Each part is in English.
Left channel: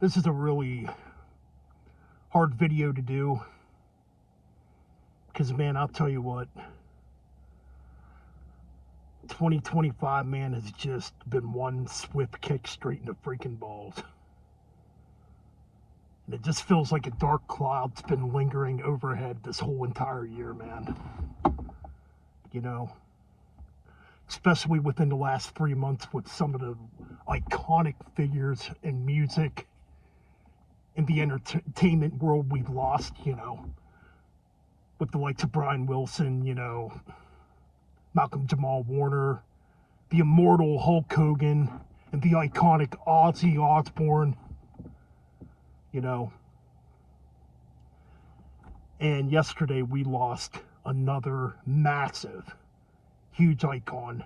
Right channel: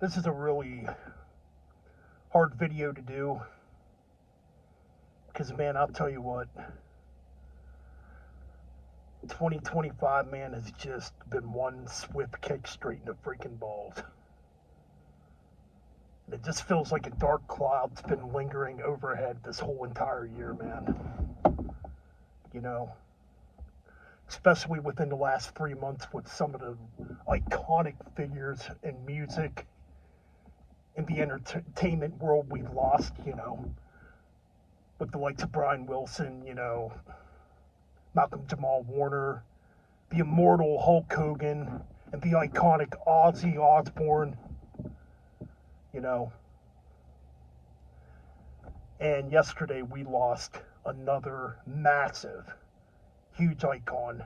This is a really hard video to do because, man, I'll tell you what, 2025, man, has just been one swift kick straight in the freaking balls. And it just feels like a dark cloud's been lingering overhead this whole entire year, man. You know, especially within the last 3 months with some of the iconic figures in music, in the entertainment world we've lost, with the likes of Brian Wilson, Malcolm Jamal Warner, the immortal Hulk Hogan, and the iconic Ozzy Osbourne, And yesterday we lost another massive, huge icon.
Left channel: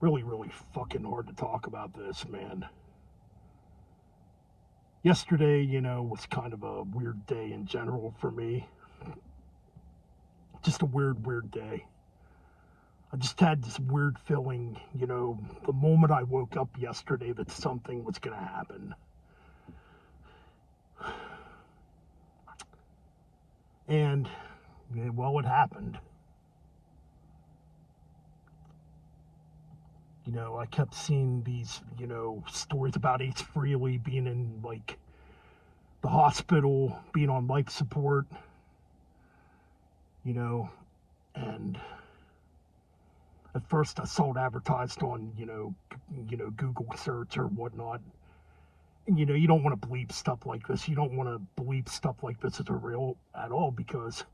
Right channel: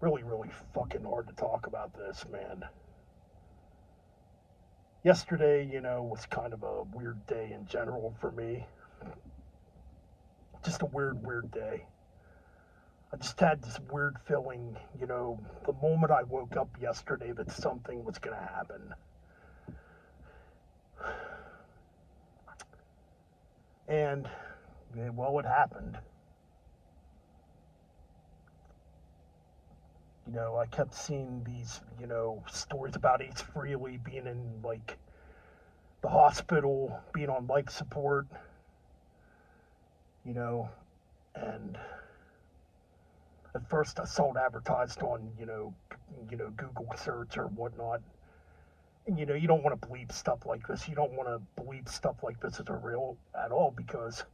Really, really fucking hard to talk about this, man. Yesterday, was kind of a weird day in general for me. Just a weird day. I just had this weird feeling, the moment I woke up yesterday that something was going to happen. And, well, it happened. I kept seeing these, stories about Ace Frehley being in, the hospital, being on life support, and at first I saw it advertised on, Google search or whatnot. And, you don't want to believe stuff like this. You don't want to believe stuff like this is real at all because,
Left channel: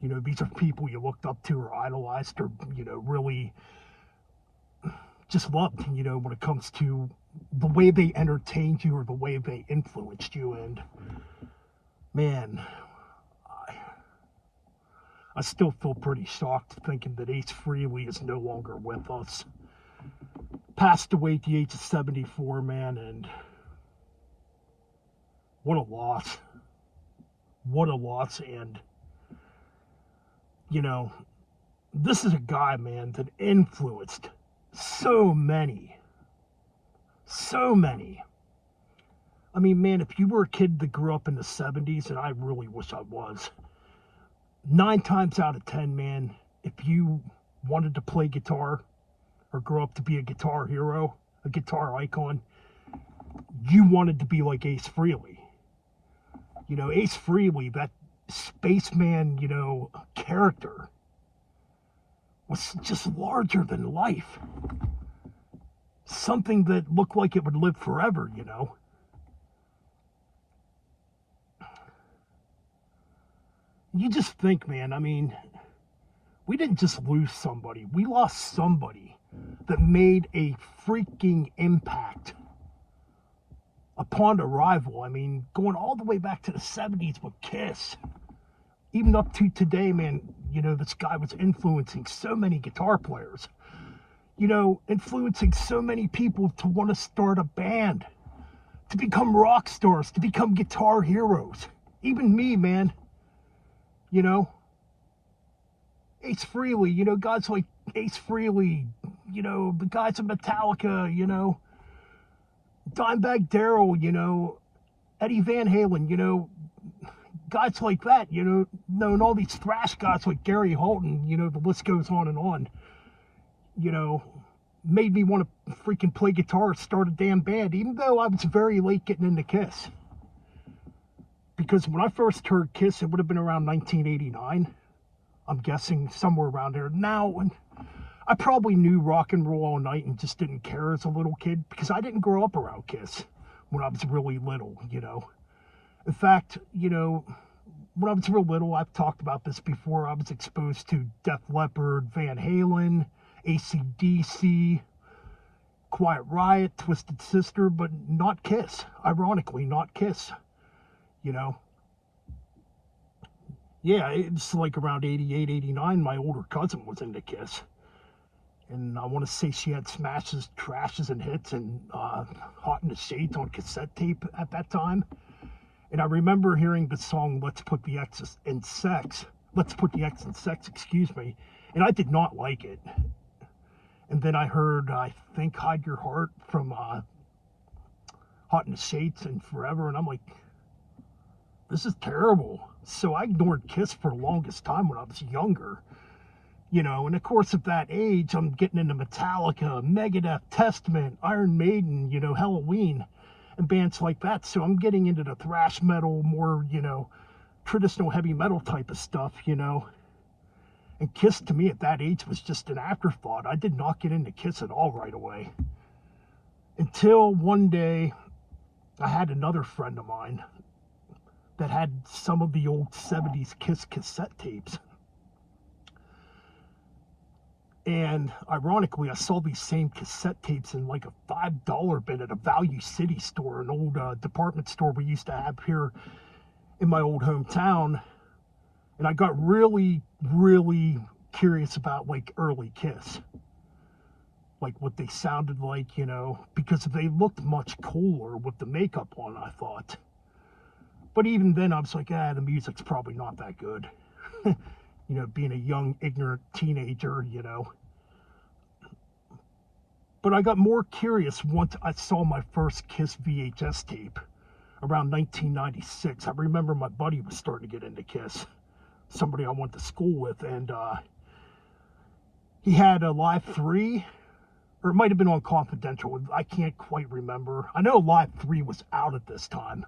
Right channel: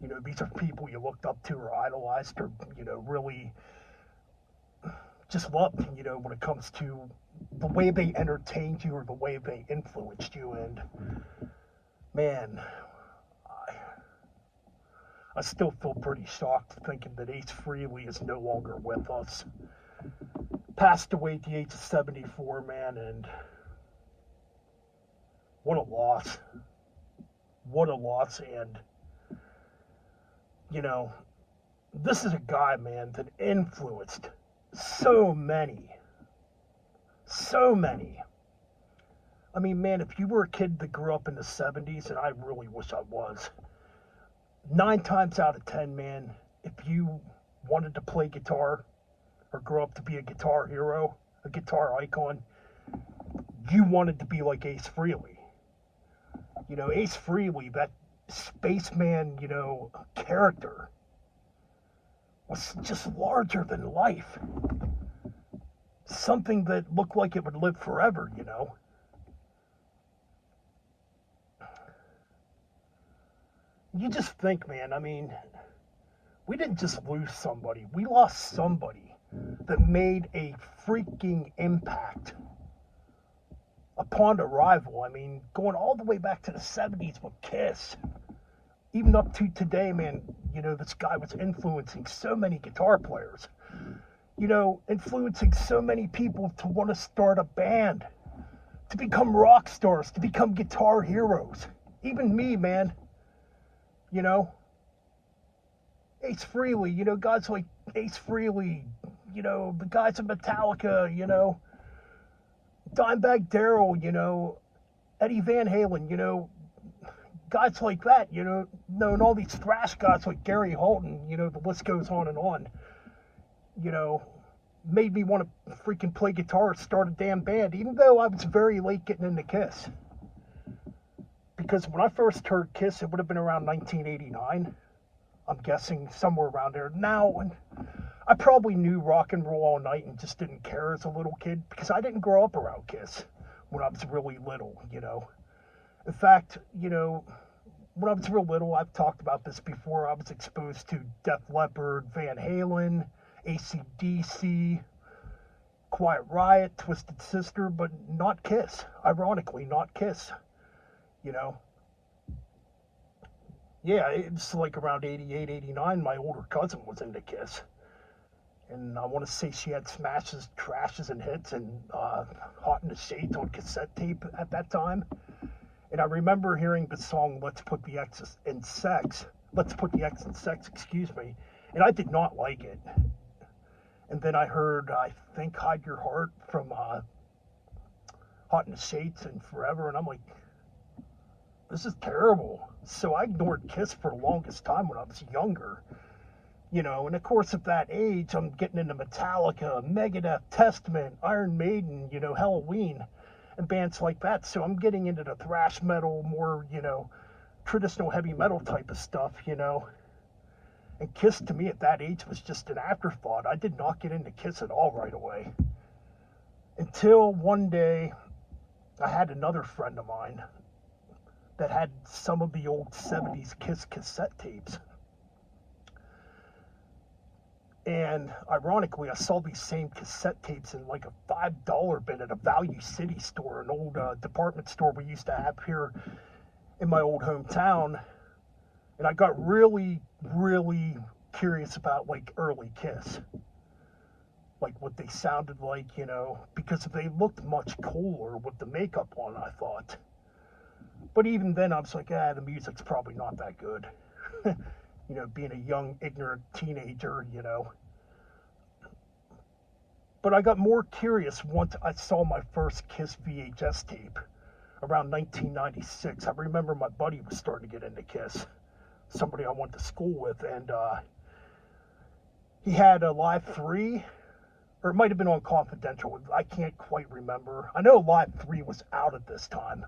these are people you looked up to or idolized or, really just loved, when it comes to the way they entertained you or the way they influenced you. And, man, I still feel pretty shocked thinking that Ace Frehley is no longer with us. Passed away at the age of 74, man, and what a loss. What a loss. And, this is a guy, man, that influenced so many. I mean, man, if you were a kid that grew up in the 70s, and I really wish I was, 9 times out of 10, man, if you wanted to play guitar or grow up to be a guitar hero, a guitar icon, you wanted to be like Ace Frehley. Ace Frehley, that Spaceman, character, was just larger than life. Something that looked like it would live forever, You just think, man, I mean, we didn't just lose somebody. We lost somebody that made a freaking impact upon arrival. I mean, going all the way back to the 70s with Kiss. Even up to today, man, this guy was influencing so many guitar players. Influencing so many people to want to start a band, to become rock stars, to become guitar heroes. Even me, man. Ace Frehley, guys like Ace Frehley, the guys in Metallica, Dimebag Darrell, Eddie Van Halen, guys like that, and all these thrash guys like Gary Holton, the list goes on and on, made me want to freaking play guitar, start a damn band, even though I was very late getting into Kiss. Because when I first heard Kiss, it would have been around 1989. I'm guessing somewhere around there. Now, I probably knew Rock and Roll All Night and just didn't care as a little kid because I didn't grow up around Kiss when I was really little, In fact, when I was real little, I've talked about this before, I was exposed to Def Leppard, Van Halen, AC/DC, Quiet Riot, Twisted Sister, but not Kiss. Ironically, not Kiss. Yeah, it's like around 88, 89, my older cousin was into Kiss. And I want to say she had Smashes, Trashes, and Hits, and Hot in the Shades on cassette tape at that time. And I remember hearing the song Let's Put the X in Sex, and I did not like it. And then I heard, I think, Hide Your Heart from Hot in the Shades and Forever. And I'm like, this is terrible. So I ignored Kiss for the longest time when I was younger. You know, and of course at that age, I'm getting into Metallica, Megadeth, Testament, Iron Maiden, you know, Halloween, and bands like that. So I'm getting into the thrash metal, more, you know, traditional heavy metal type of stuff, you know. And Kiss to me at that age was just an afterthought. I did not get into Kiss at all right away. Until one day, I had another friend of mine that had some of the old 70s Kiss cassette tapes. And ironically, I saw these same cassette tapes in like a $5 bin at a Value City store, an old department store we used to have here in my old hometown. And I got really, really curious about like early Kiss. Like what they sounded like, you know, because they looked much cooler with the makeup on, I thought. But even then, I was like, the music's probably not that good. You know, being a young, ignorant teenager, you know. But I got more curious once I saw my first Kiss VHS tape around 1996. I remember my buddy was starting to get into Kiss, somebody I went to school with, and he had a Live 3, or it might have been on Confidential. I can't quite remember. I know Live 3 was out at this time.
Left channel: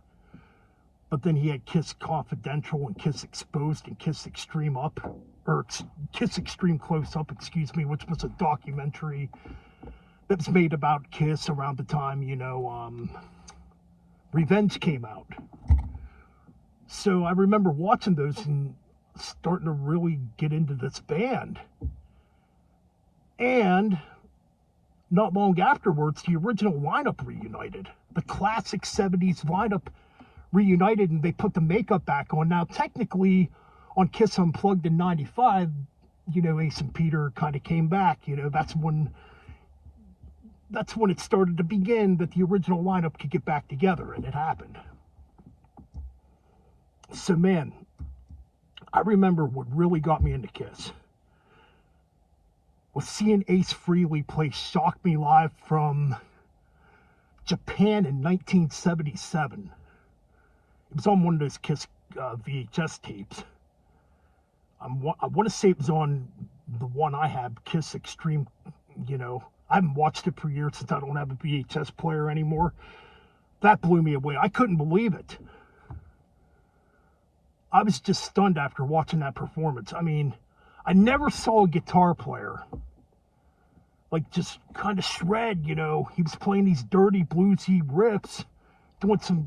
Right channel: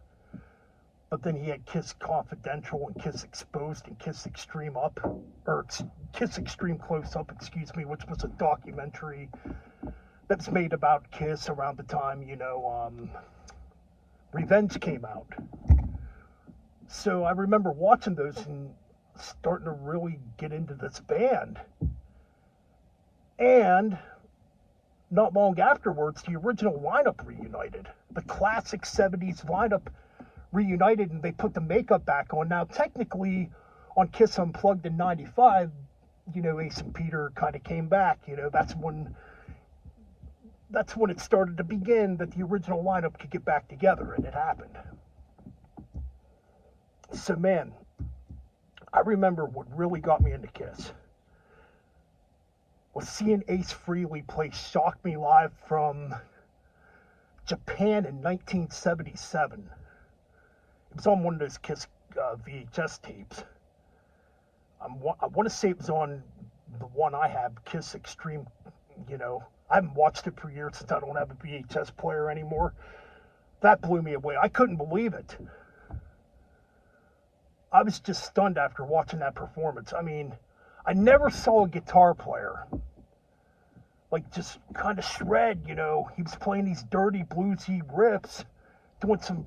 But then he had Kiss Confidential and Kiss Exposed and Kiss Extreme Up, or Kiss Extreme Close Up, excuse me, which was a documentary that was made about Kiss around the time, you know, Revenge came out. So I remember watching those and starting to really get into this band. And not long afterwards, the original lineup reunited. The classic 70s lineup reunited, and they put the makeup back on. Now, technically, on Kiss Unplugged in 95, you know, Ace and Peter kind of came back. You know, that's when it started to begin that the original lineup could get back together, and it happened. So, man, I remember what really got me into Kiss was seeing Ace Frehley play Shock Me Live from Japan in 1977. It was on one of those Kiss VHS tapes. I want to say it was on the one I have, Kiss Extreme, you know. I haven't watched it for years since I don't have a VHS player anymore. That blew me away. I couldn't believe it. I was just stunned after watching that performance. I mean, I never saw a guitar player like just kind of shred, you know. He was playing these dirty bluesy riffs, doing some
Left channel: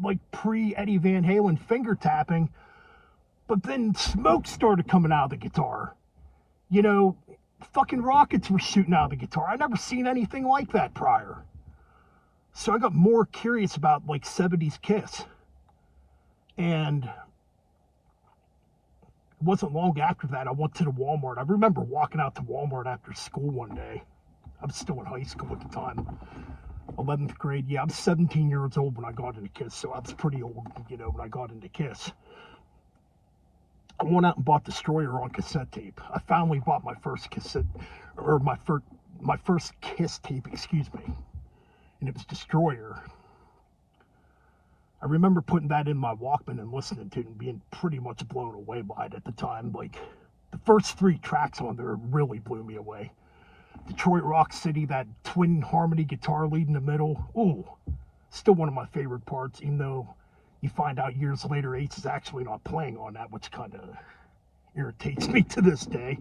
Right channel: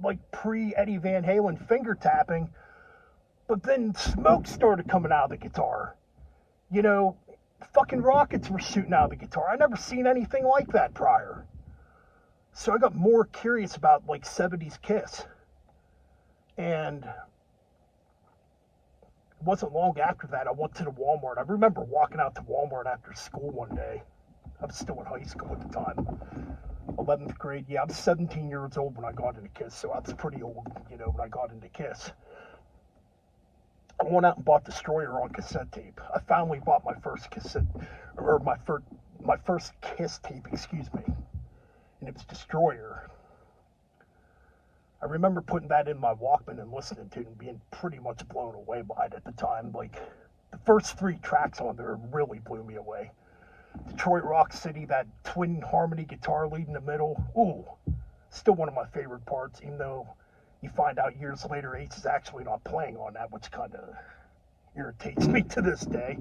like pre-Eddie Van Halen finger tapping, but then smoke started coming out of the guitar. You know, fucking rockets were shooting out of the guitar. I never seen anything like that prior. So I got more curious about like 70s Kiss. And it wasn't long after that I went to the Walmart. I remember walking out to Walmart after school one day. I was still in high school at the time. 11th grade. Yeah, I was 17 years old when I got into Kiss, so I was pretty old, you know, when I got into Kiss. I went out and bought Destroyer on cassette tape. I finally bought my first cassette, or my first Kiss tape, excuse me, and it was Destroyer. I remember putting that in my Walkman and listening to it and being pretty much blown away by it at the time. Like, the first 3 tracks on there really blew me away. Detroit Rock City, that twin harmony guitar lead in the middle. Ooh, still one of my favorite parts, even though you find out years later Ace is actually not playing on that, which kind of irritates me to this day.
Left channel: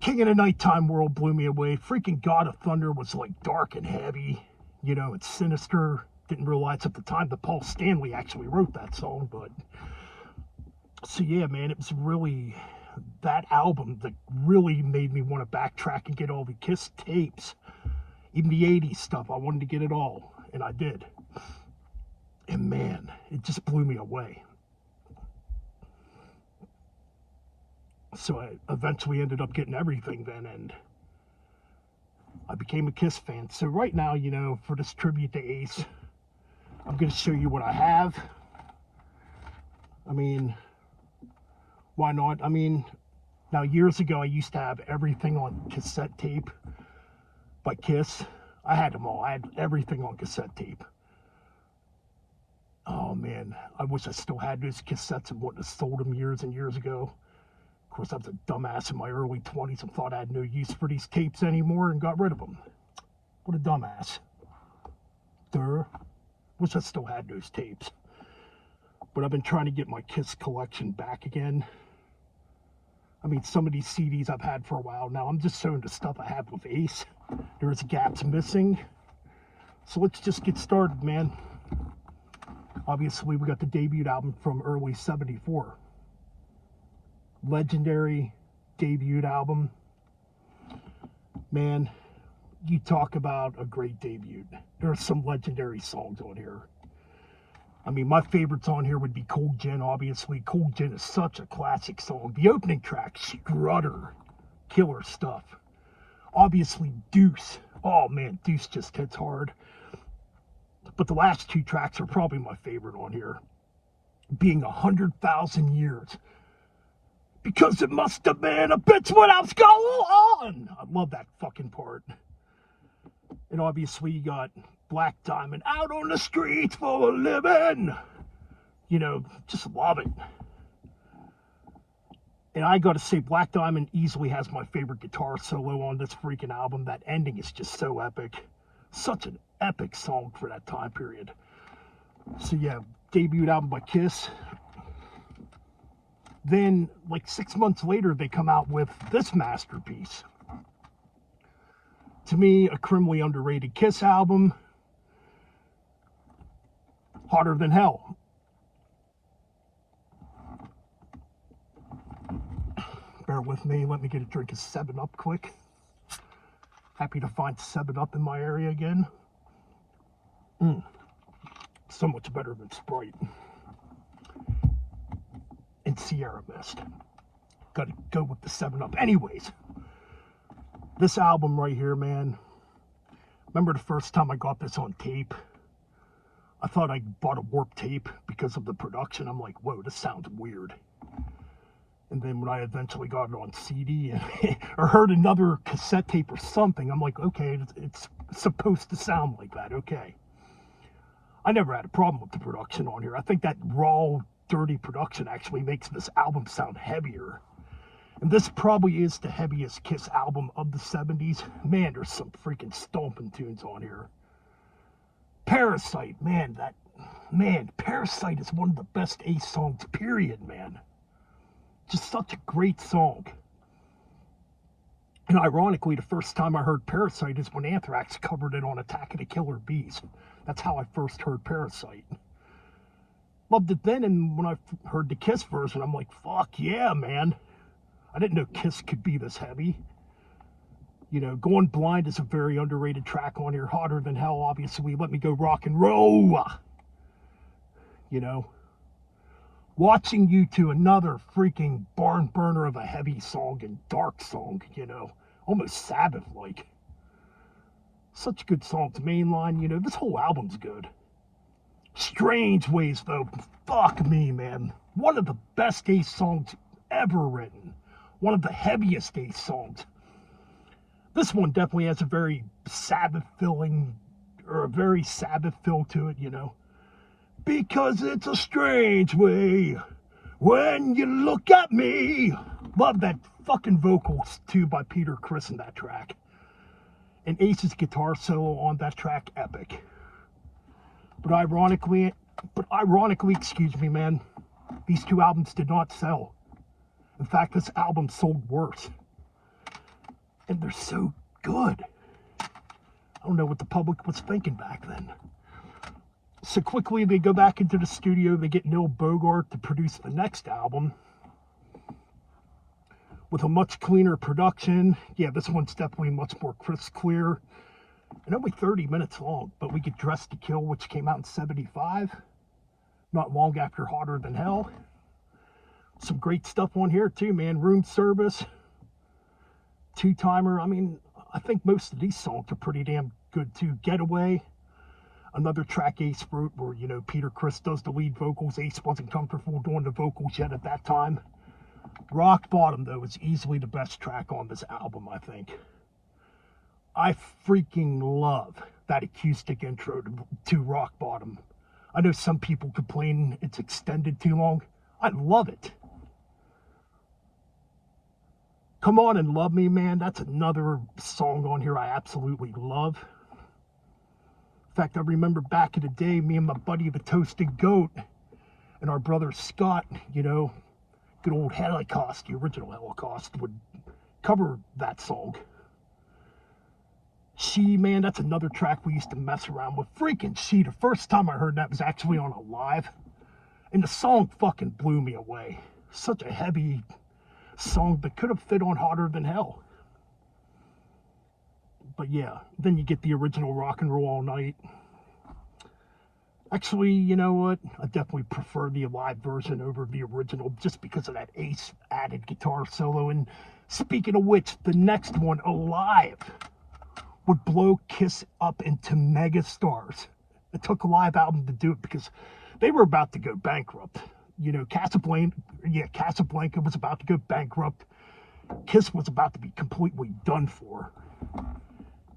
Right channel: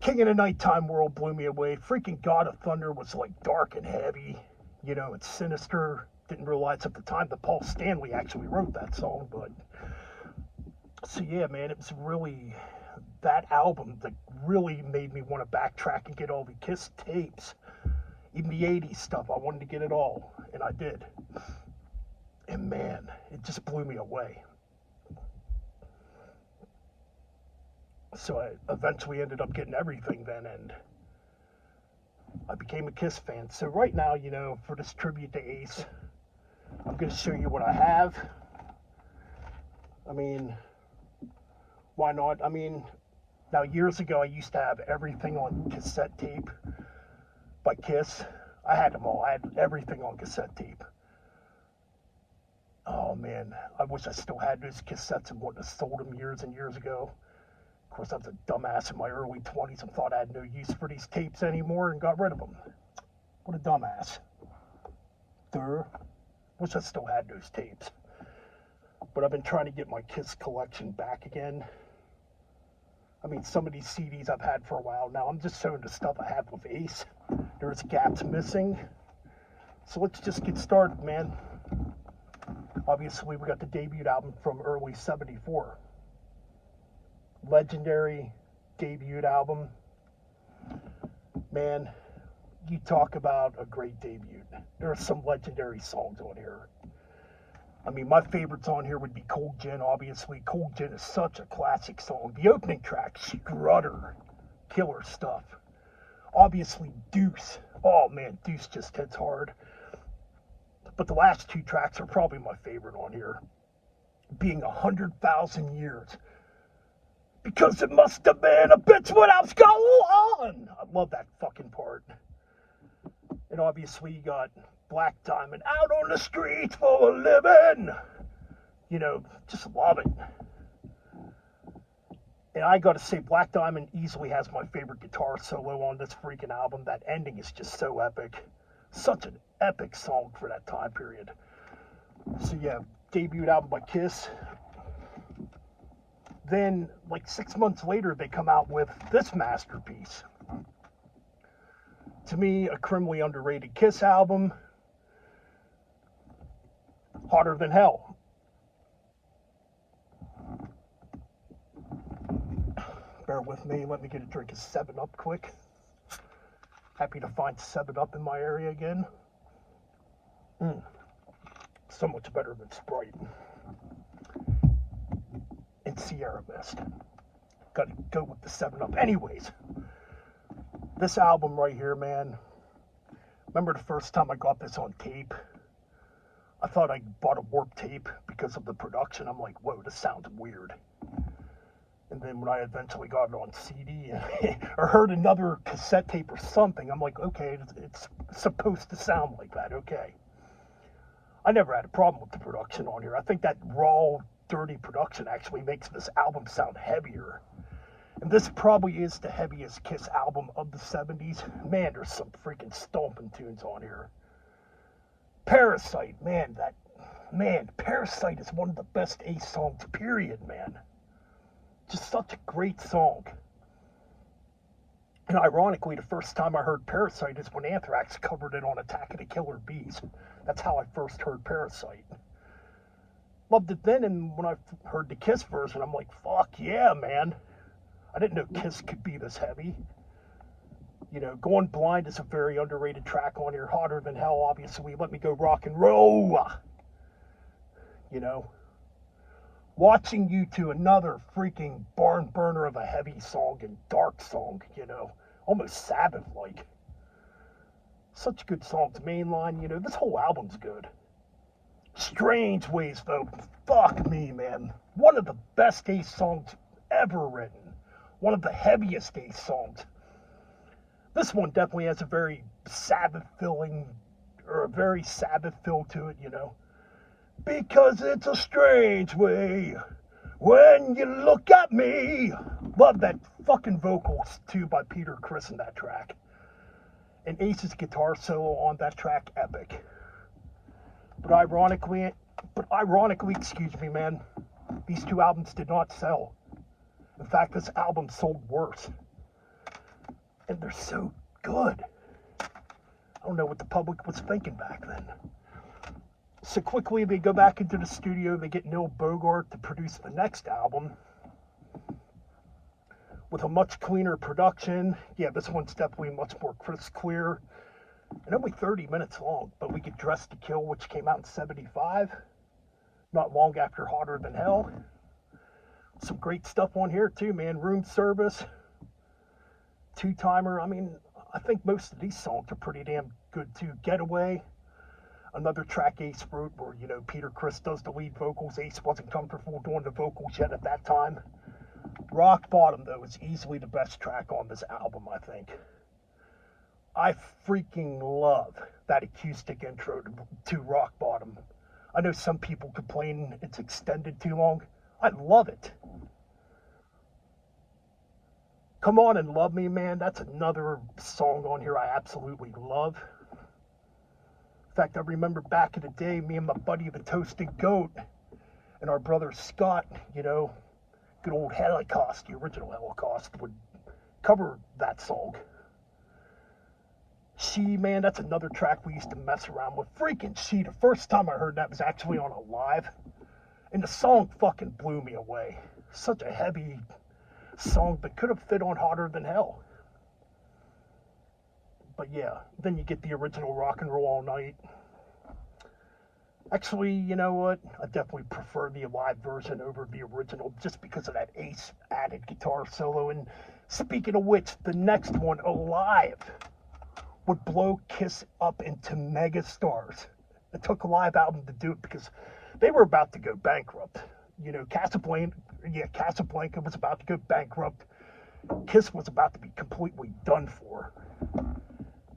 King of the Nighttime World blew me away. Freaking God of Thunder was like dark and heavy. You know, it's sinister. Didn't realize at the time that Paul Stanley actually wrote that song, but so yeah, man, it was really that album that really made me want to backtrack and get all the Kiss tapes, even the 80s stuff. I wanted to get it all, and I did. And man, it just blew me away. So I eventually ended up getting everything then, and I became a Kiss fan. So right now, you know, for this tribute to Ace, I'm going to show you what I have. I mean, why not? I mean, Now, years ago, I used to have everything on cassette tape by Kiss. I had them all. I had everything on cassette tape. Oh, man. I wish I still had those cassettes and wouldn't have sold them years and years ago. Of course, I was a dumbass in my early 20s and thought I had no use for these tapes anymore and got rid of them. What a dumbass. Wish I still had those tapes. But I've been trying to get my Kiss collection back again. I mean, some of these CDs I've had for a while now. I'm just showing the stuff I have with Ace. There's gaps missing. So let's just get started, man. Obviously, we got the debut album from early 74. Legendary debut album. Man, you talk about a great debut. There are some legendary songs on here. I mean, my favorites on here would be Cold Gin, obviously. Cold Gin is such a classic song. The opening track, Strutter, killer stuff. Obviously, Deuce. Oh, man, Deuce just hits hard. But the last two tracks are probably my favorite on here. Being 100,000 years. Because it must have been a bitch when I was going on. I love that fucking part. And obviously, you got Black Diamond, out on the streets for a living. You know, just love it. And I gotta say, Black Diamond easily has my favorite guitar solo on this freaking album. That ending is just so epic. Such an epic song for that time period. So yeah, debut album by Kiss. Then, like 6 months later, they come out with this masterpiece. To me, a criminally underrated Kiss album. Hotter Than Hell. Bear with me. Let me get a drink of 7-Up quick. Happy to find 7-Up in my area again. So much better than Sprite. And Sierra Mist. Gotta go with the 7-Up. Anyways, this album right here, man. Remember the first time I got this on tape? I thought I bought a warped tape because of the production. I'm like, whoa, this sounds weird. And then when I eventually got it on CD or heard another cassette tape or something, I'm like, okay, it's supposed to sound like that, okay. I never had a problem with the production on here. I think that raw, dirty production actually makes this album sound heavier. And this probably is the heaviest Kiss album of the 70s. Man, there's some freaking stomping tunes on here. Parasite, man, Parasite is one of the best Ace songs, period, man. Just such a great song. And ironically, the first time I heard Parasite is when Anthrax covered it on Attack of the Killer Bees. That's how I first heard Parasite. Loved it then, and when I heard the Kiss version, I'm like, fuck yeah, man. I didn't know Kiss could be this heavy. You know, Going Blind is a very underrated track on here. Hotter Than Hell, obviously. Let Me Go Rock and Roll. You know. Watching You To, another freaking barn burner of a heavy song and dark song, you know. Almost Sabbath-like. Such good songs. Mainline, you know. This whole album's good. Strange Ways, though. Fuck me, man. One of the best Ace songs ever written. One of the heaviest Ace songs. This one definitely has a very Sabbath feel to it, you know. Because it's a strange way when you look at me. Love that fucking vocals, too, by Peter Criss in that track. And Ace's guitar solo on that track, epic. But ironically, excuse me, man, these two albums did not sell. In fact, this album sold worse. And they're so good. I don't know what the public was thinking back then. So quickly, they go back into the studio. They get Neil Bogart to produce the next album. With a much cleaner production. Yeah, this one's definitely much more crisp, clear. And only 30 minutes long. But we get Dressed to Kill, which came out in 75. Not long after Hotter Than Hell. Some great stuff on here, too, man. Room Service. Two-Timer. I mean, I think most of these songs are pretty damn good, too. Getaway. Another track Ace wrote where, you know, Peter Criss does the lead vocals. Ace wasn't comfortable doing the vocals yet at that time. Rock Bottom, though, is easily the best track on this album, I think. I freaking love that acoustic intro to Rock Bottom. I know some people complain it's extended too long. I love it. Come On and Love Me, man, that's another song on here I absolutely love. In fact, I remember back in the day, me and my buddy the Toasted Goat and our brother Scott, you know, good old Holocaust, the original Holocaust, would cover that song. She, man, that's another track we used to mess around with. Freaking She, the first time I heard that was actually on a live, and the song fucking blew me away. Such a heavy song that could have fit on Hotter Than Hell. But yeah, then you get the original Rock and Roll All Night. Actually, you know what? I definitely prefer the live version over the original just because of that Ace added guitar solo. And speaking of which, the next one, Alive, would blow Kiss up into megastars. It took a live album to do it because they were about to go bankrupt. You know, Casablanca was about to go bankrupt. Kiss was about to be completely done for.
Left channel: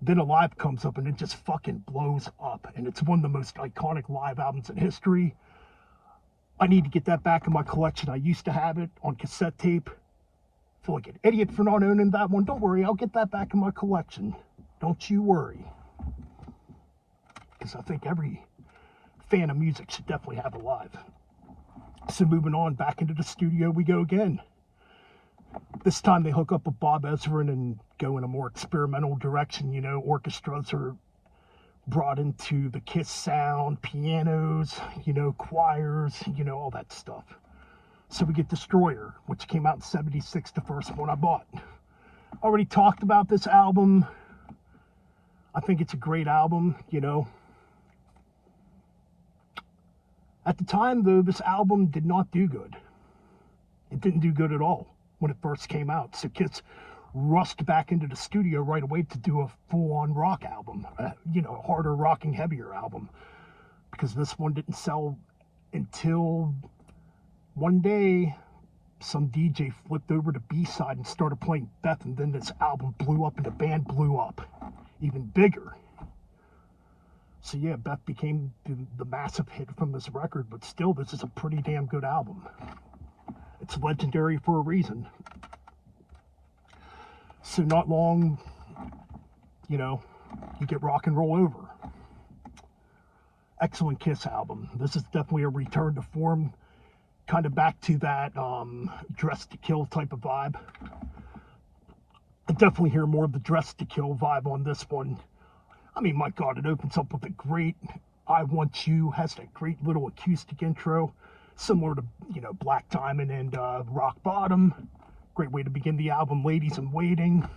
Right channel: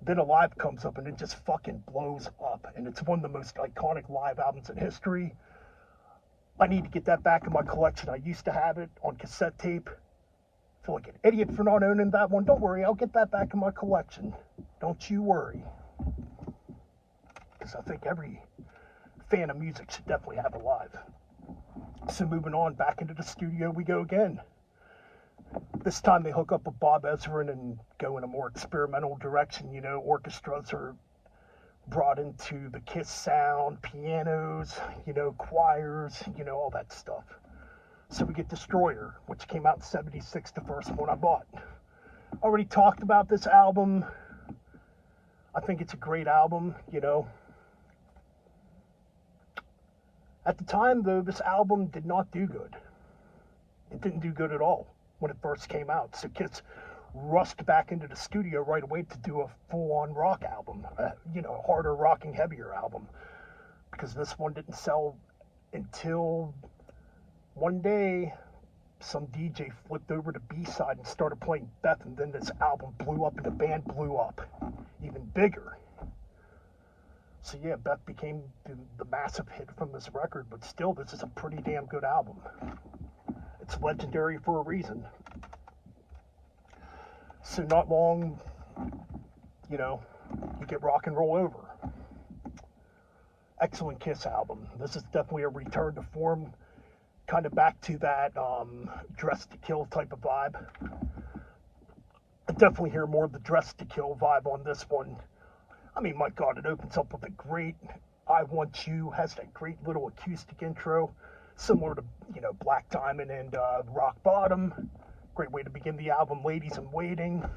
Then Alive comes up and it just fucking blows up. And it's one of the most iconic live albums in history. I need to get that back in my collection. I used to have it on cassette tape. I feel like an idiot for not owning that one. Don't worry, I'll get that back in my collection. Don't you worry. Because I think every fan of music should definitely have Alive. So moving on, back into the studio we go again. This time they hook up with Bob Ezrin and go in a more experimental direction. You know, orchestras are brought into the Kiss sound, pianos, you know, choirs, you know, all that stuff. So we get Destroyer, which came out in '76, the first one I bought. Already talked about this album. I think it's a great album, you know. At the time, though, this album did not do good. It didn't do good at all when it first came out. So Kiss rushed back into the studio right away to do a full-on rock album, you know, harder, rocking, heavier album. Because this one didn't sell until one day some DJ flipped over to B-side and started playing Beth, and then this album blew up and the band blew up even bigger. So yeah, Beth became the massive hit from this record, but still, this is a pretty damn good album. It's legendary for a reason. So not long, you know, you get Rock and Roll Over. Excellent Kiss album. This is definitely a return to form, kind of back to that Dress to Kill type of vibe. I definitely hear more of the Dress to Kill vibe on this one. I mean, my God, it opens up with a great I Want You, has that great little acoustic intro, similar to, you know, Black Diamond and Rock Bottom. Great way to begin the album, Ladies in Waiting.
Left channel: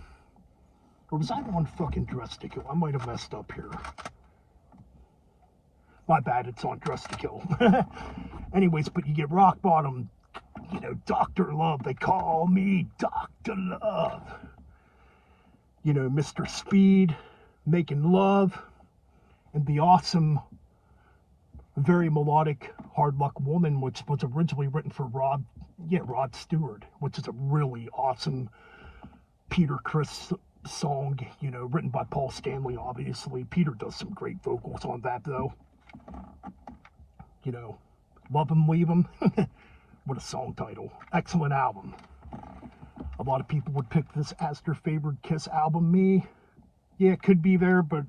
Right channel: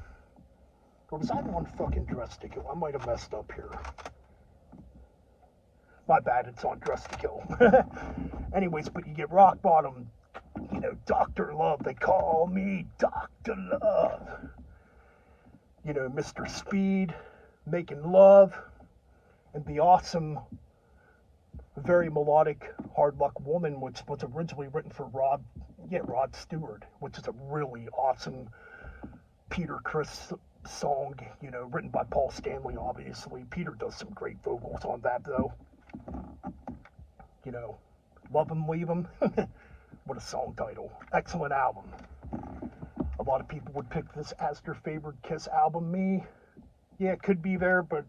Or was I on fucking Dress to Kill? I might have messed up here. My bad, it's on Dress to Kill. Anyways, but you get Rock Bottom, you know, Dr. Love. They call me Dr. Love. You know, Mr. Speed, Making Love, and the awesome, very melodic Hard Luck Woman, which was originally written for Rod Stewart, which is a really awesome Peter Criss song, you know, written by Paul Stanley, obviously. Peter does some great vocals on that, though. You know, Love 'Em, Leave 'Em. What a song title. Excellent album. A lot of people would pick this as their favorite Kiss album. Me, yeah, it could be there, but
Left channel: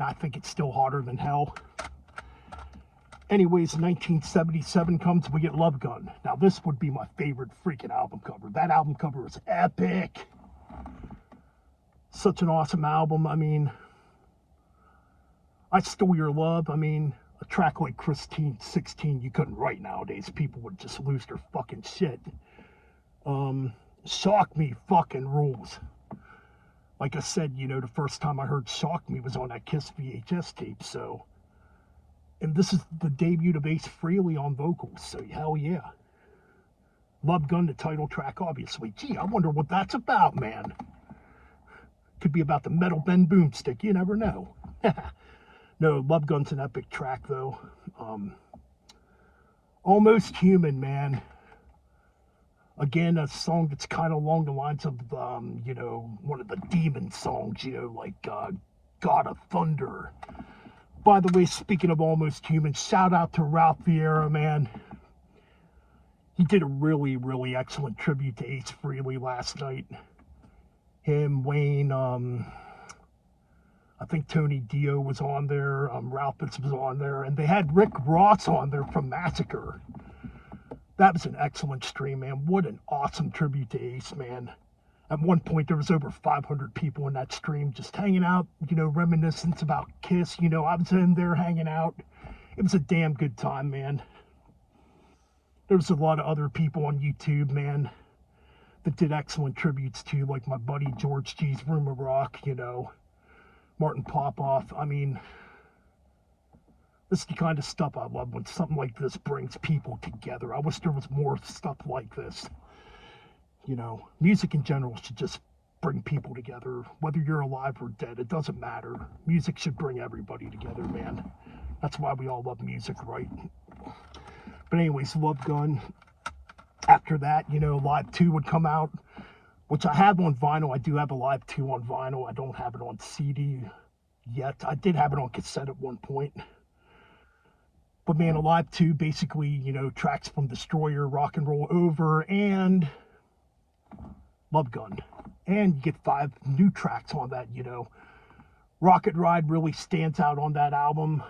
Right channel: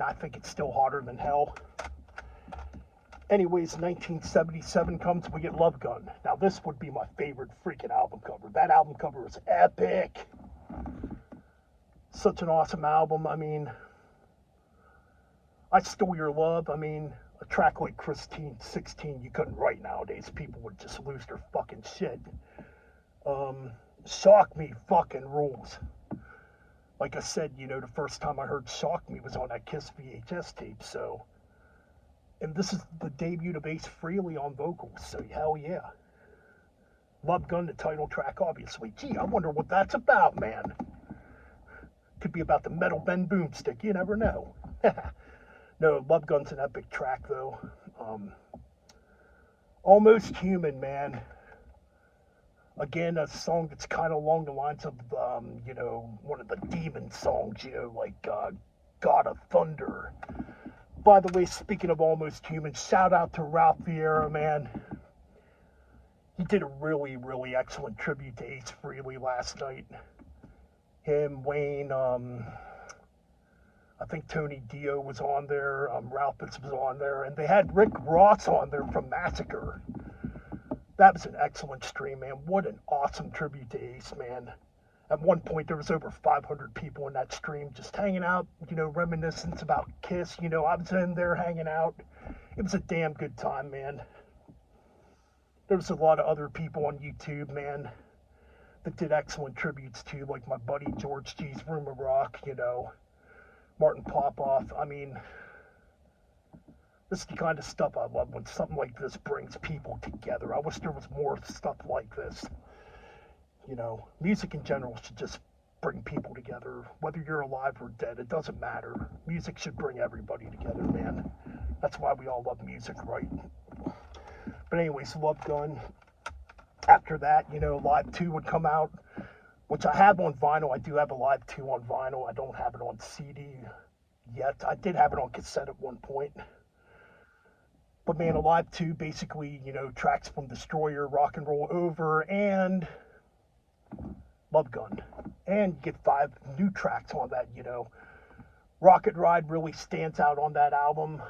I think it's still Hotter Than Hell. Anyways, 1977 comes, we get Love Gun. Now, this would be my favorite freaking album cover. That album cover is epic. Such an awesome album. I mean, I Stole Your Love. I mean, a track like Christine 16, you couldn't write nowadays. People would just lose their fucking shit. Shock Me fucking rules. Like I said, you know, the first time I heard Shock Me was on that Kiss VHS tape, so. And this is the debut of Ace Frehley on vocals, so hell yeah. Love Gun, the title track, obviously. Gee, I wonder what that's about, man. Could be about the Metal Ben Boomstick, you never know. No, Love Gun's an epic track, though. Almost Human, man. Again, a song that's kind of along the lines of, you know, one of the demon songs, you know, like God of Thunder. By the way, speaking of Almost Human, shout out to Ralph Vieira, man. He did a really, really excellent tribute to Ace Frehley last night. Him, Wayne, I think Tony Dio was on there, Ralph was on there, and they had Rick Ross on there from Massacre. That was an excellent stream, man. What an awesome tribute to Ace, man. At one point, there was over 500 people in that stream just hanging out, you know, reminiscence about Kiss. You know, I was in there hanging out. It was a damn good time, man. There was a lot of other people on YouTube, man, that did excellent tributes to, like my buddy George G's Room of Rock, you know, Martin Popoff. I mean, this is the kind of stuff I love when something like this brings people together. I wish there was more stuff like this. You know, music in general should just bring people together. Whether you're alive or dead, it doesn't matter. Music should bring everybody together, man. That's why we all love music, right? But anyways, Love Gun. After that, you know, Live 2 would come out, which I have on vinyl. I do have a Live 2 on vinyl. I don't have it on CD yet. I did have it on cassette at one point. But man, Alive 2, basically, you know, tracks from Destroyer, Rock and Roll Over, and Love Gun. And you get 5 new tracks on that, you know. Rocket Ride really stands out on that album.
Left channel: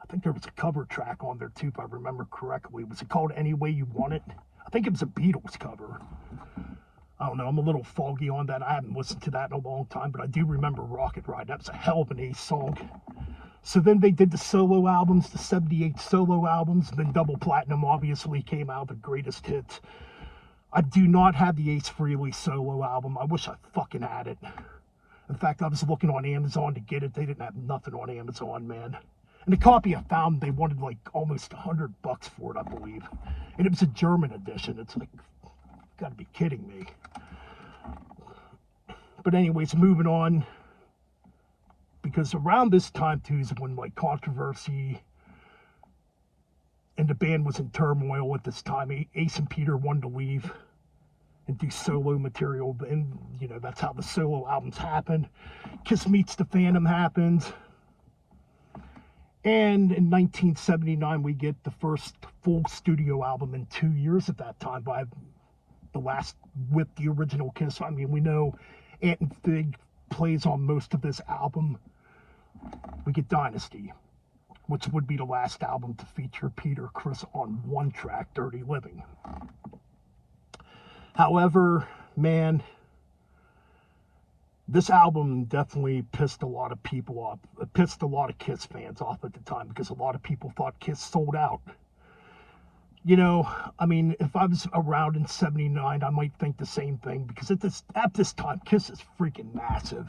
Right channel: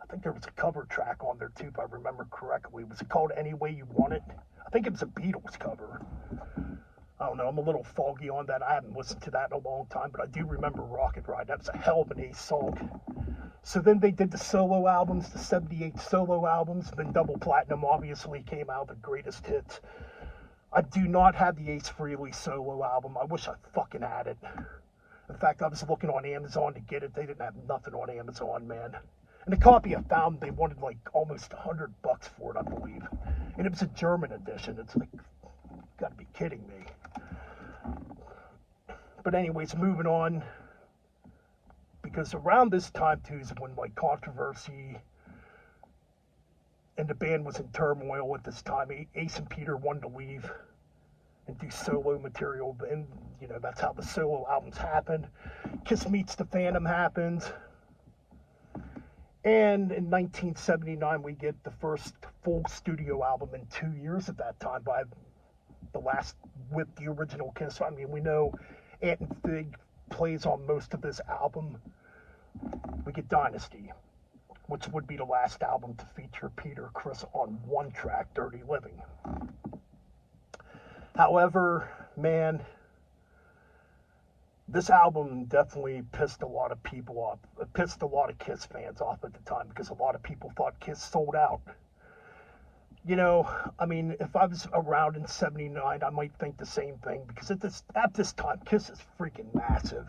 I think there was a cover track on there too, if I remember correctly. Was it called Any Way You Want It? I think it was a Beatles cover. I don't know, I'm a little foggy on that. I haven't listened to that in a long time, but I do remember Rocket Ride. That was a hell of an Ace song. So then they did the solo albums, the 78 solo albums. Then Double Platinum obviously came out, the greatest hits. I do not have the Ace Frehley solo album. I wish I fucking had it. In fact, I was looking on Amazon to get it. They didn't have nothing on Amazon, man. And the copy I found, they wanted like almost $100 for it, I believe. And it was a German edition. It's like, you gotta be kidding me. But anyways, moving on. Because around this time too is when like Controversy and the band was in turmoil at this time. Ace and Peter wanted to leave and do solo material, and you know, that's how the solo albums happened. Kiss Meets the Phantom happens. And in 1979, we get the first full studio album in 2 years at that time by the last with the original Kiss. I mean, we know Ant and Fig plays on most of this album. We get Dynasty, which would be the last album to feature Peter Criss on one track, Dirty Living. However, man, this album definitely pissed a lot of people off. It pissed a lot of Kiss fans off at the time because a lot of people thought Kiss sold out. You know, I mean, if I was around in 79, I might think the same thing because at this time, Kiss is freaking massive.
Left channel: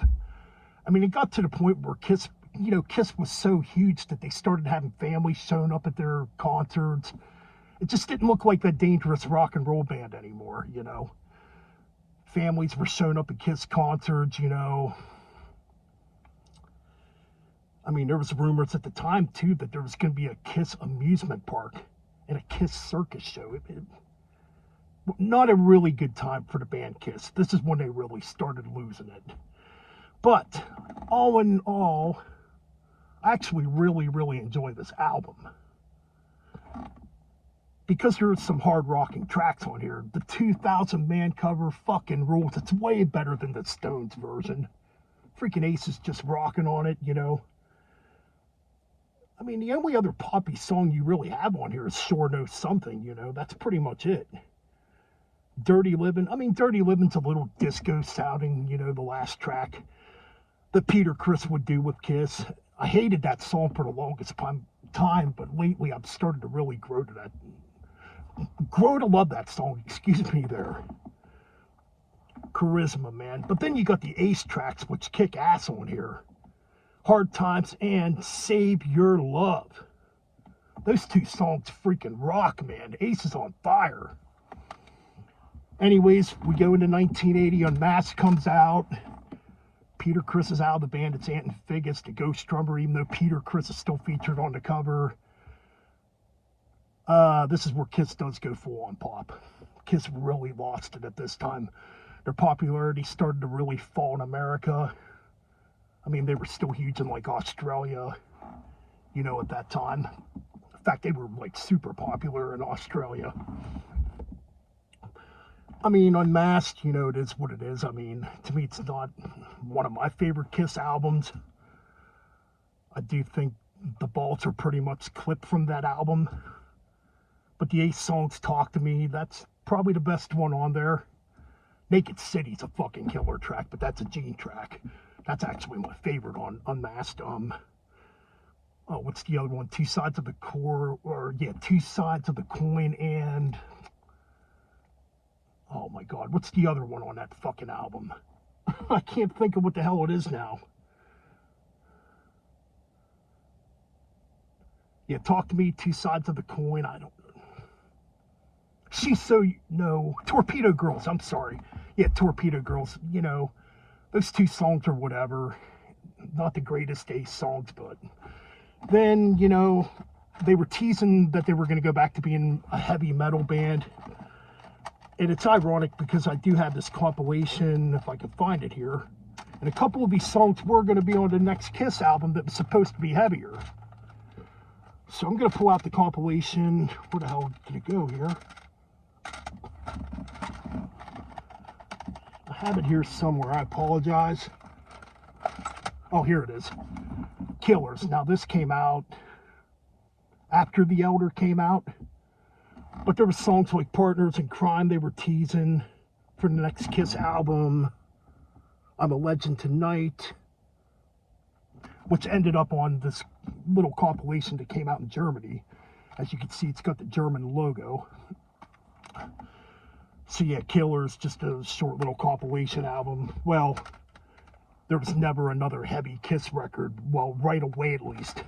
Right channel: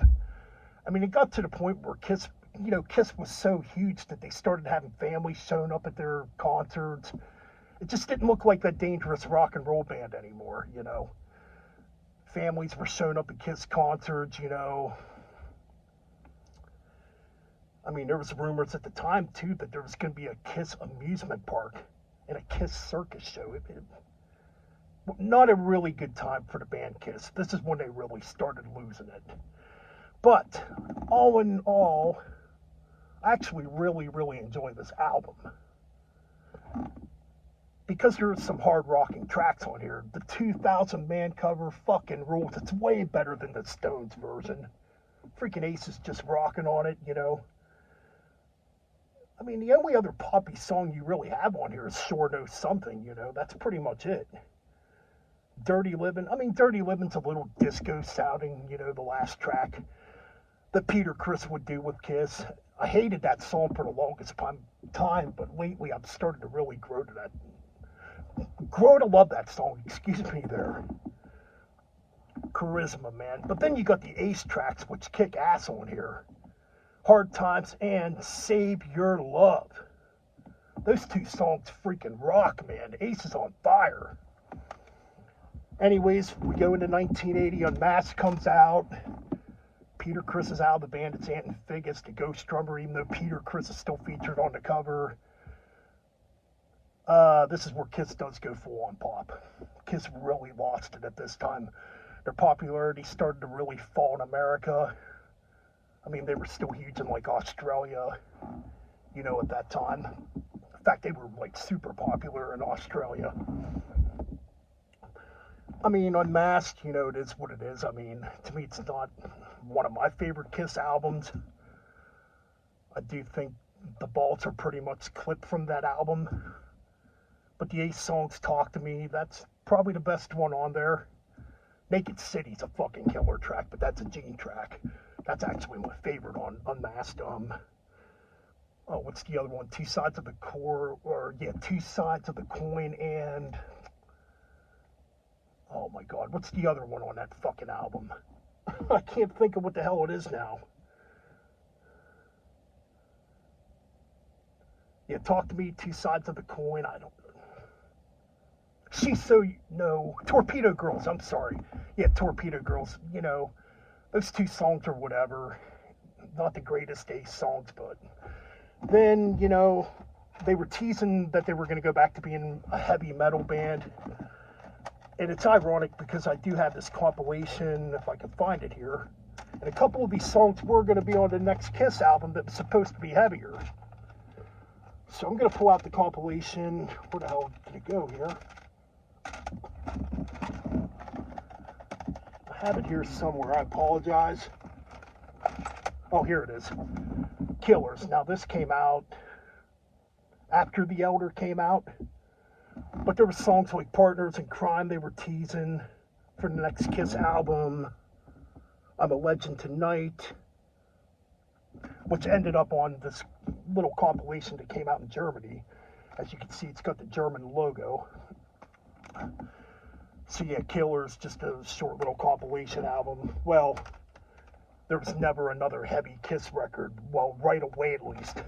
I mean, it got to the point where Kiss was so huge that they started having families showing up at their concerts. It just didn't look like that dangerous rock and roll band anymore, you know. Families were showing up at Kiss concerts, you know. I mean, there was rumors at the time, too, that there was going to be a Kiss amusement park and a Kiss circus show. Not a really good time for the band Kiss. This is when they really started losing it. But, all in all, I actually really, really enjoy this album. Because there's some hard rocking tracks on here. The 2000 man cover fucking rules. It's way better than the Stones version. Freaking Ace is just rocking on it, you know. I mean, the only other poppy song you really have on here is Sure Knows Something, you know. That's pretty much it. Dirty Living. I mean, Dirty Living's a little disco sounding, you know, the last track that Peter Criss would do with Kiss. I hated that song for the longest time, but lately I've started to really grow to love that song, excuse me there. Charisma, man. But then you got the Ace tracks, which kick ass on here. Hard Times and Save Your Love. Those two songs freaking rock, man. Ace is on fire. Anyways, we go into 1980. Unmasked comes out. Peter Criss is out of the band. It's Ant and Fig as the ghost drummer, even though Peter Criss is still featured on the cover. This is where Kiss does go full on pop. Kiss really lost it at this time. Their popularity started to really fall in America. I mean, they were still huge in like Australia, you know, at that time. In fact, they were like super popular in Australia. I mean, Unmasked, you know, it is what it is. I mean, to me, it's not one of my favorite Kiss albums. I do think the bolts are pretty much clipped from that album. But the Ace songs, Talk to Me, that's probably the best one on there. Naked City's a fucking killer track, but that's a Gene track. That's actually my favorite on Unmasked. Oh, what's the other one? Two Sides of the Core, or yeah, Two Sides of the Coin, and oh my God, what's the other one on that fucking album? I can't think of what the hell it is now. Yeah, Talk to Me, Two Sides of the Coin. I don't. She's so no Torpedo Girls. I'm sorry. Yeah, Torpedo Girls. You know, those two songs or whatever. Not the greatest Ace songs, but then, you know, they were teasing that they were going to go back to being a heavy metal band. And it's ironic because I do have this compilation, if I can find it here. And a couple of these songs were going to be on the next Kiss album that was supposed to be heavier. So I'm going to pull out the compilation. Where the hell did it go here? I have it here somewhere. I apologize. Oh, here it is. Killers. Now, this came out after The Elder came out. But there were songs like Partners in Crime they were teasing for the next Kiss album. I'm a Legend Tonight, which ended up on this little compilation that came out in Germany. As you can see, it's got the German logo. So yeah, Killers, just a short little compilation album. Well, there was never another heavy Kiss record, well, right away at least.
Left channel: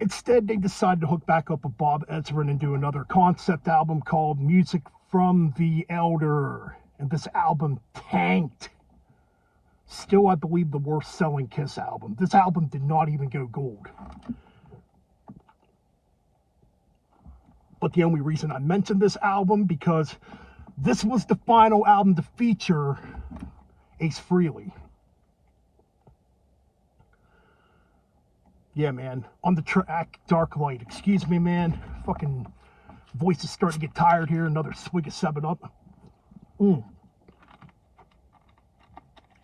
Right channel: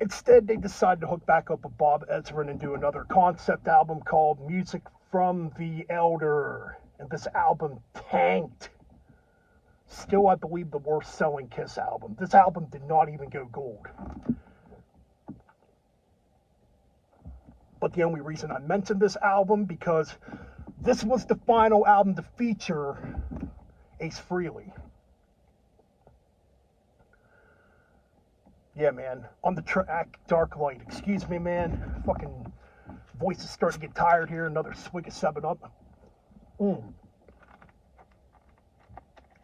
Instead, they decided to hook back up with Bob Ezrin and do another concept album called Music from the Elder. And this album tanked. Still, I believe, the worst selling Kiss album. This album did not even go gold. But the only reason I mentioned this album, because this was the final album to feature Ace Frehley. Yeah, man. On the track Dark Light. Excuse me, man. Fucking voice is starting to get tired here. Another swig of 7-Up.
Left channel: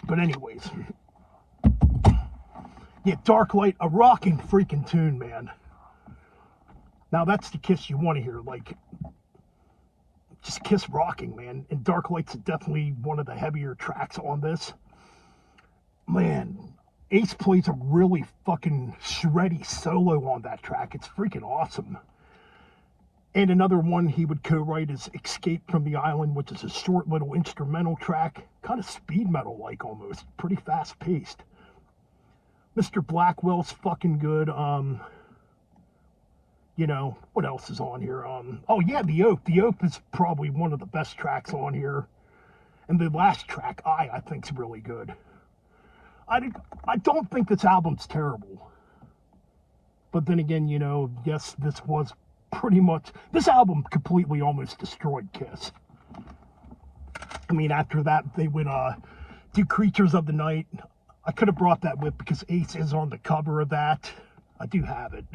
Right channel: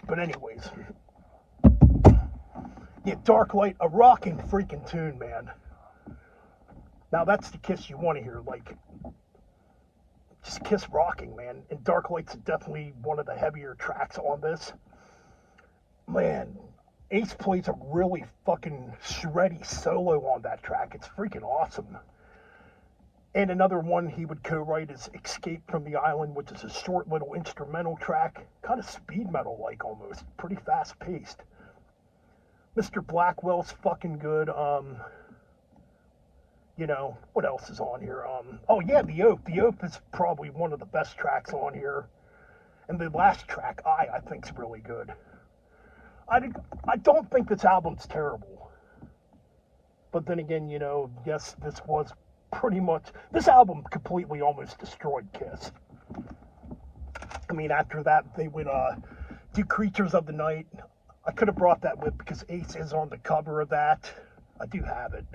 But anyways. Yeah, Dark Light. A rocking freaking tune, man. Now, that's the Kiss you want to hear. Like, just Kiss rocking, man. And Dark Light's definitely one of the heavier tracks on this. Man, Ace plays a really fucking shreddy solo on that track. It's freaking awesome. And another one he would co-write is Escape from the Island, which is a short little instrumental track. Kind of speed metal-like almost. Pretty fast-paced. Mr. Blackwell's fucking good. You know, what else is on here? Oh yeah, The Oath. The Oath is probably one of the best tracks on here. And the last track, I think's really good. I don't think this album's terrible. But then again, you know, yes, this was pretty much... This album completely almost destroyed Kiss. I mean, after that, they would do Creatures of the Night. I could have brought that with because Ace is on the cover of that. I do have it.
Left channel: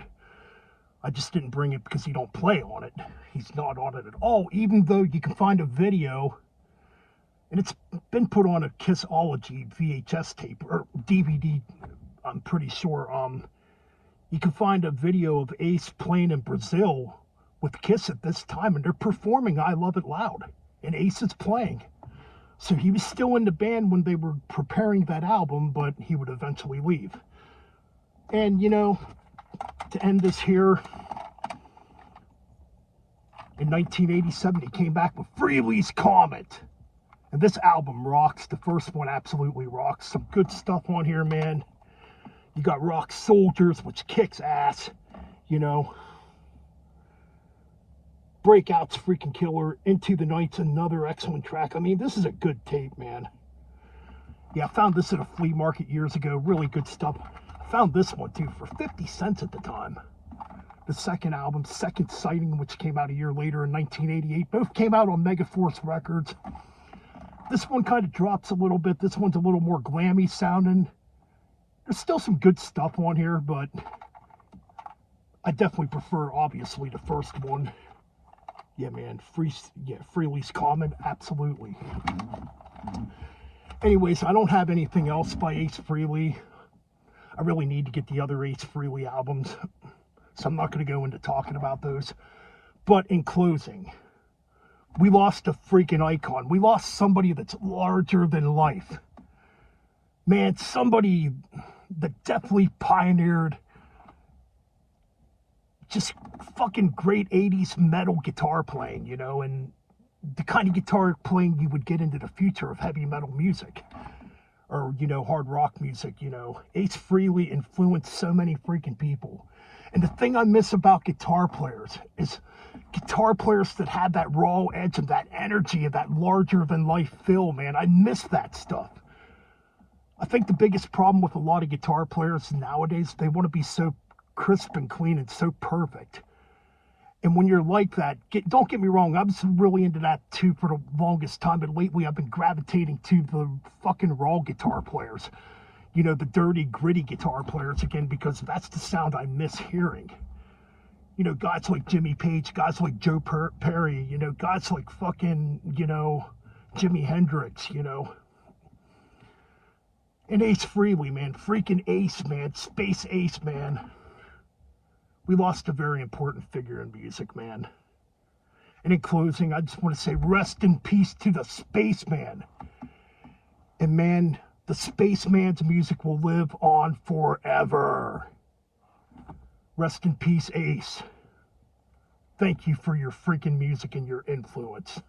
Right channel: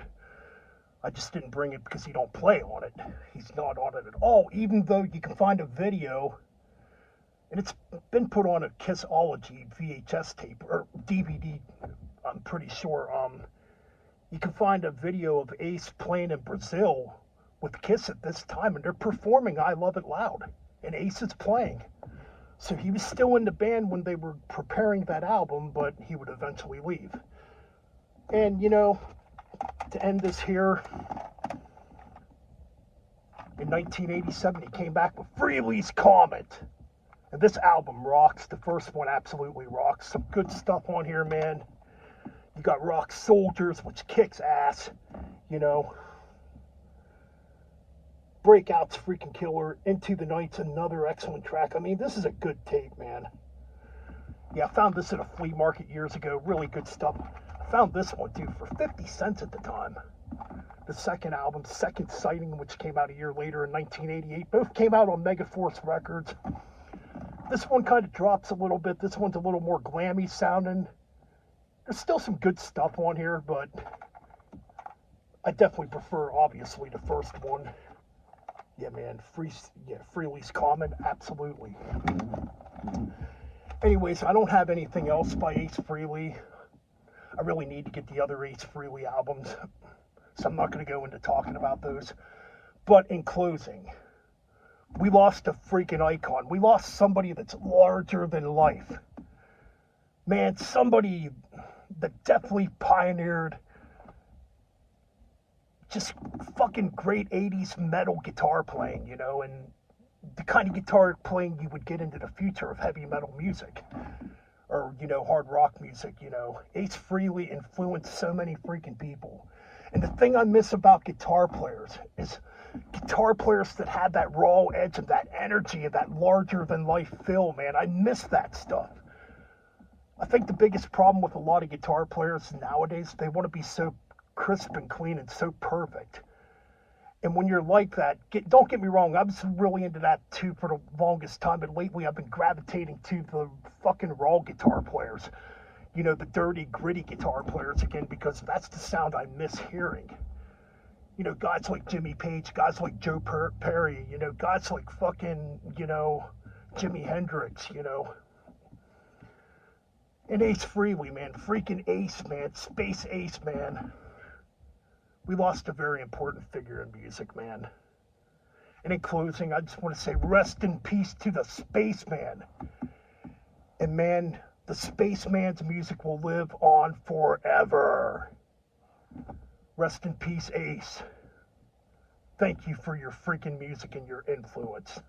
I just didn't bring it because he don't play on it. He's not on it at all, even though you can find a video... And it's been put on a Kissology VHS tape, or DVD, I'm pretty sure. You can find a video of Ace playing in Brazil with Kiss at this time, and they're performing I Love It Loud, and Ace is playing. So he was still in the band when they were preparing that album, but he would eventually leave. And, you know, to end this here, in 1987, he came back with Frehley's Comet. And this album rocks. The first one absolutely rocks. Some good stuff on here, man. You got Rock Soldiers, which kicks ass. You know. Breakout's freaking killer. Into the Night's another excellent track. I mean, this is a good tape, man. Yeah, I found this at a flea market years ago. Really good stuff. I found this one, too, for 50 cents at the time. the second album, Second Sighting, which came out a year later in 1988. Both came out on Megaforce Records. This one kind of drops a little bit. This one's a little more glammy sounding. There's still some good stuff on here, but I definitely prefer, obviously, the first one. Yeah, man, Frehley's Common, absolutely. Anyways, I don't have anything else by Ace Frehley. I really need to get the other Ace Frehley albums, so I'm not going to go into talking about those. But in closing, we lost a freaking icon. We lost somebody that's larger than life. Man, somebody that definitely pioneered just fucking great 80s metal guitar playing, you know, and the kind of guitar playing you would get into the future of heavy metal music. Or, you know, hard rock music, you know. Ace Frehley influenced so many freaking people. And the thing I miss about guitar players is guitar players that had that raw edge and that energy and that larger-than-life feel, man. I miss that stuff. I think the biggest problem with a lot of guitar players nowadays, they want to be so crisp and clean and so perfect. And when you're like that, don't get me wrong, I was really into that too for the longest time, but lately I've been gravitating to the fucking raw guitar players. You know, the dirty, gritty guitar players again, because that's the sound I miss hearing. You know, guys like Jimmy Page, guys like Joe Perry, you know, guys like fucking, you know, Jimi Hendrix, you know. And Ace Frehley, man, freaking Ace, man, Space Ace, man. We lost a very important figure in music, man. And in closing, I just want to say rest in peace to the Spaceman. And man, the Spaceman's music will live on forever. Rest in peace, Ace. Thank you for your freaking music and your influence.